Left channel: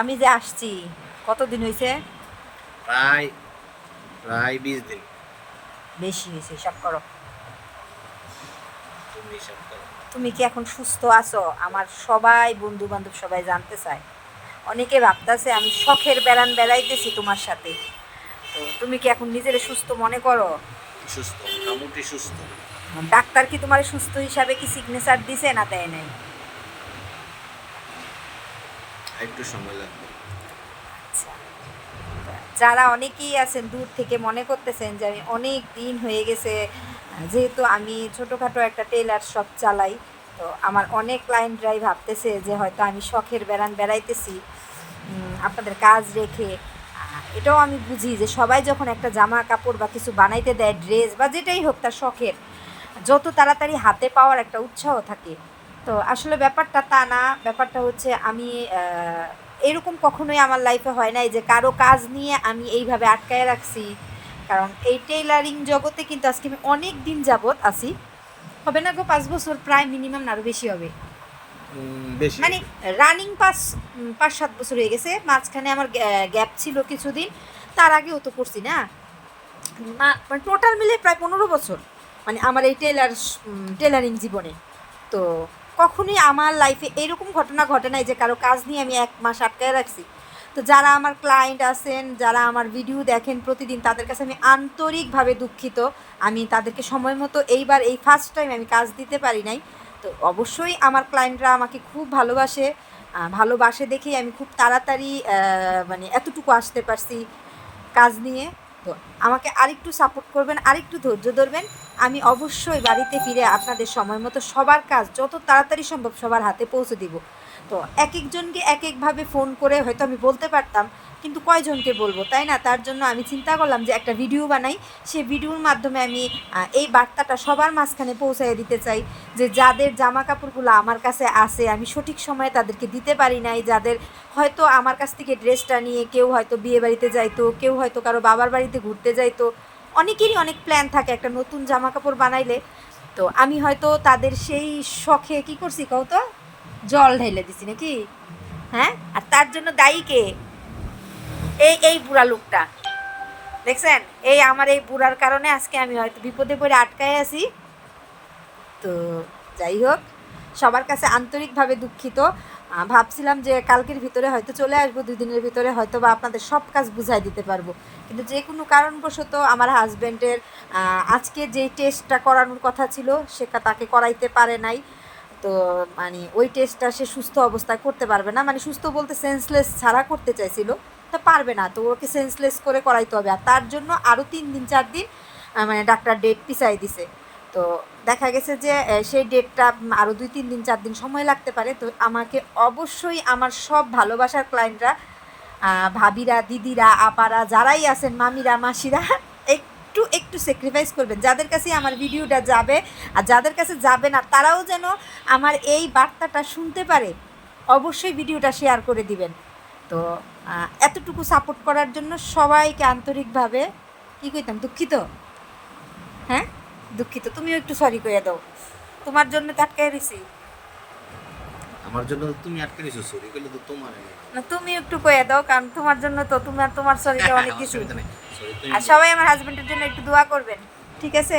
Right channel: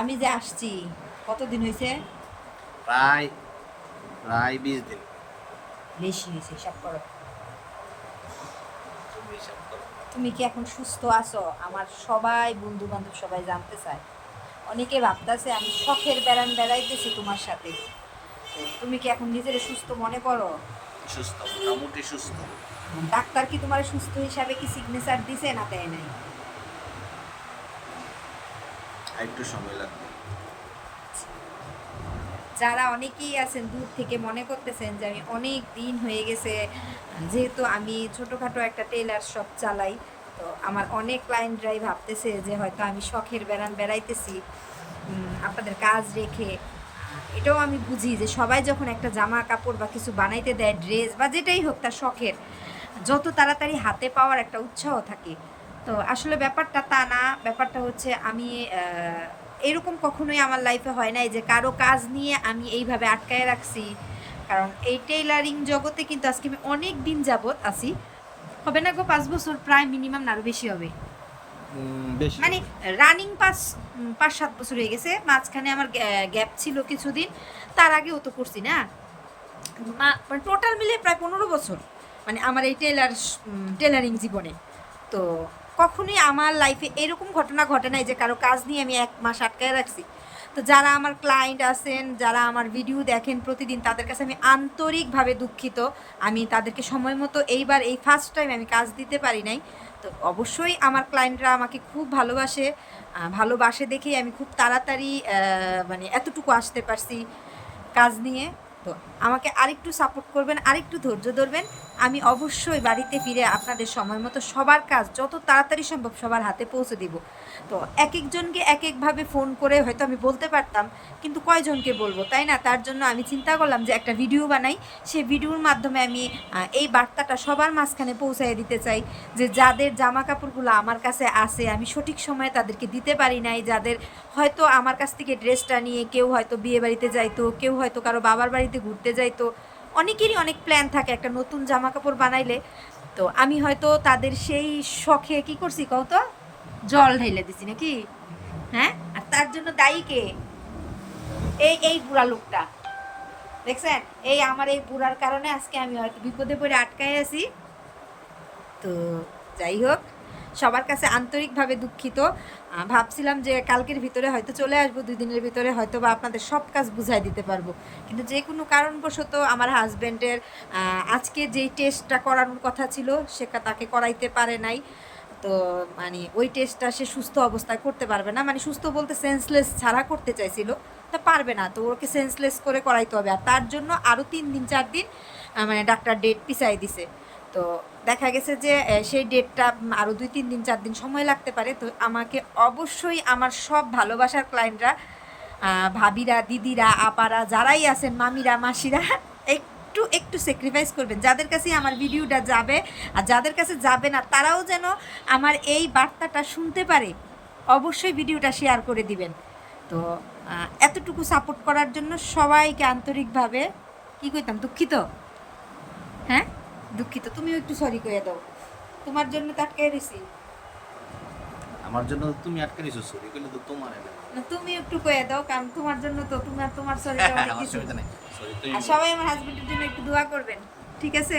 আমি যে আসছি কতদিন হয়েছে প্রায় প্রায় বিশ দিন। বেশি হয়েছে সব করো। তুমি হিসাব করো। তুমি কি এখন সুস্থ আছো? আমার সবাই বন্ধু বান্ধব সবাই জানতে চায়। অনেকে ভাবতেছে আমি শখের বেড়ান বেড়াইতেছি তোমার সাথে। তো তুমি কি এখন নিজের সুস্থ মনে করো? সুস্থ মোটামুটি সুস্থ। ডাক্তার কি তোমার সুস্থ হিসাবে কি সিগনেচার দিছে না দেয় নাই? একটু সময় লাগবে। যারা অনেকেই আছেন দূর থেকে মনে করতেছেন যে আমি অনেক দিন হয়ে গেছে, যেহেতু আমি ছোটোখাটো একটা টেলার শপ চালাই, তো আমার অনেক ক্লায়েন্টরাই ভাবতেছে যে হয়তো আমি শখের বেড়ান বেড়াইতেছি আপনাদের কাজ রেখে। এটাও আমি বুঝি যে সবাই যখন একটা জামা কাপড় বা কিছু বানাইতে দেয় ড্রেস বা যেটাই হোক তার শখের, যত তাড়াতাড়ি হাতে পাওয়ার একটা উৎসাহ থাকে তো আসলে ব্যাপারটা তা না ব্যাপারটা হচ্ছে আমি এরকম কখনোই আমার লাইফে হয় নাই যে কারও কাজ নিয়ে আমি এইভাবে আটকায় রাখছি। কারণ এই টেইলারিং জগতে কিন্তু আজকে আমি অনেক দিন যাবত আছি। হবে না গো পাঁচ বছর প্রায় মিনিমাম আরও বেশি হবে। মানে রানিং পাঁচ পাঁচ সাত বছর হয়ে গেছে মাঝখানে আমার গ্যাপ ছিল কিছুদিন তার আগেও তো করছি না। মানে টোটাল মিলে প্রায় পনেরো বছর মানে আমার এই টেলার টেলারিং জীবনে। তো কখনোই আমার লাইফে এরকম ঘটনা ঘটে নাই যে কারও কাজ নিয়ে আমি এক মাস আটকায় রাখছি। তো যারা আমার ক্লায়েন্ট আছেন, যারা আমার ভিডিও দেখেন প্রতিদিন, তাদের কাছে আমি আন্তরিকভাবে দুঃখিত। আমি তাদেরকে সময় মতো এইবার এই ফার্স্ট টাইম আমি কাজ দিতে পারি নাই। তো অবশ্যই আমার ক্লায়েন্টরা আমাকে খুব ভালোবাসে। ভালোবাসে দেখেই আমি খুব তাড়াতাড়ি মানে এতটুকু আসতে পারছি কাজ নিয়ে। তো আমাকে আরেকটু সাপোর্ট করবেন, আরেকটু ধৈর্য ধরবেন। আমি অবশ্যই বাড়িতে ফিরে আপনাদের সময় মতো সবার কাজ যত তাড়াতাড়ি সম্ভব সবার হাতে পৌঁছে দিব। তো এক একজনকে এক একভাবে ফোন করে হয়তো আমি বলতে পারতাম, কিন্তু কয়জনকে বলব, তাই না? তার জন্য আমি চিন্তা করলাম যে একটা ভিডিও বানাই। সেই ভিডিওর মাধ্যমে আমি এই বার্তাটা সবার মাঝখানে পৌঁছায় দিতে চাই যে যাদের জামা কাপড়গুলো আমার কাছে আসে আমি সঠিক সময়ে তাদেরকে দিতে পারি নাই, যাদের হয়তো আমার কাছ থেকে ড্রেসটা নিয়ে কেউ হয়তো বিয়ে বাড়িতে যাইতো, কেউ হয়তো কারও বাবার বাড়িতে ঘুরতে যাইতো অনেকেরই অনেক প্ল্যান থাকে একটা নতুন জামা কাপড় বানাইলে। তো আমি হয়তো তাদের সেই শখে কি করছি কও তো? জল ঢেলে দিছি নাকি? হ্যাঁ? আর তার জন্য দায়ী কে? এই এই বুড়া লোকটা। দেখছেন? এই আমার এই বুড়ার কারণে আজকে আমি হয়তো বিপদে পড়ে আটকায় আছি। তো যাই হোক সবার কাছে আন্তরিকভাবে দুঃখিত। ভাবছিলাম যে কালকের ভিতরে হয়তো চলে আসব, দুই দিনের ভিতরে হয়তো বা আপনাদের সব কাজ বুঝাই দিতে পারব। কিন্তু যে কোনো কারণবশত আমার হাজব্যান্ডের আজকে যেই টেস্টটা করানোর কথা ছিল সেটা তাকে করাইতে পারে নাই। তো মানে ওই টেস্টটা সে সুস্থ অবস্থায় করতে পারবে না। মানে সুস্থ বলতে সেন্সলেস ছাড়া করতে চাইছিল, তা পারবে না। তো ওকে সেন্সলেস করে করাইতে হবে। আর তার জন্য আরও তিন দিন, চার দিন মানে ডাক্তার ডেট পিছাই দিছে। তো দেখা গেছে যে সেই ডেটটা আরও দুই, তিন দিন, চার দিন সময় লাগতে পারে। তো আমাকে অবশ্যই আমার সব ভালোবাসার ক্লায়েন্টরা ভাবিরা, দিদিরা, আপারা, যারাই আছেন, মামিরা, মাসিরা, একটু একটু স্যাক্রিফাইস করবেন। যাদের কাছে আমার ভিডিওটা যাবে আর যাদের কাছে যাবে না, তারাও যেন আমার এই বার্তাটা শুনতে পারে, অবশ্যই ভিডিওটা শেয়ার করে দিবেন। তো এতটুকু সাপোর্ট করার জন্য সবাইকে আন্তরিকভাবে, কী কইতাম, দুঃখিত? হ্যাঁ? দুঃখিত তুমিও একটু সরি করে দাও। তোমার জন্য তো আটকাই রয়েছি আমার জন্য তো তুমি আটকে নিছো সরি কইলে তো তোমার না তুমি একটু কয়ে দাও কারণ তোমার জন্য তো তোমার তোমার সরিটা অনেক কিছু। সরি তুমি আর সবাই আমার হাজবেন্ডের জন্য একটু দোয়া করবেন ঠিক আছে?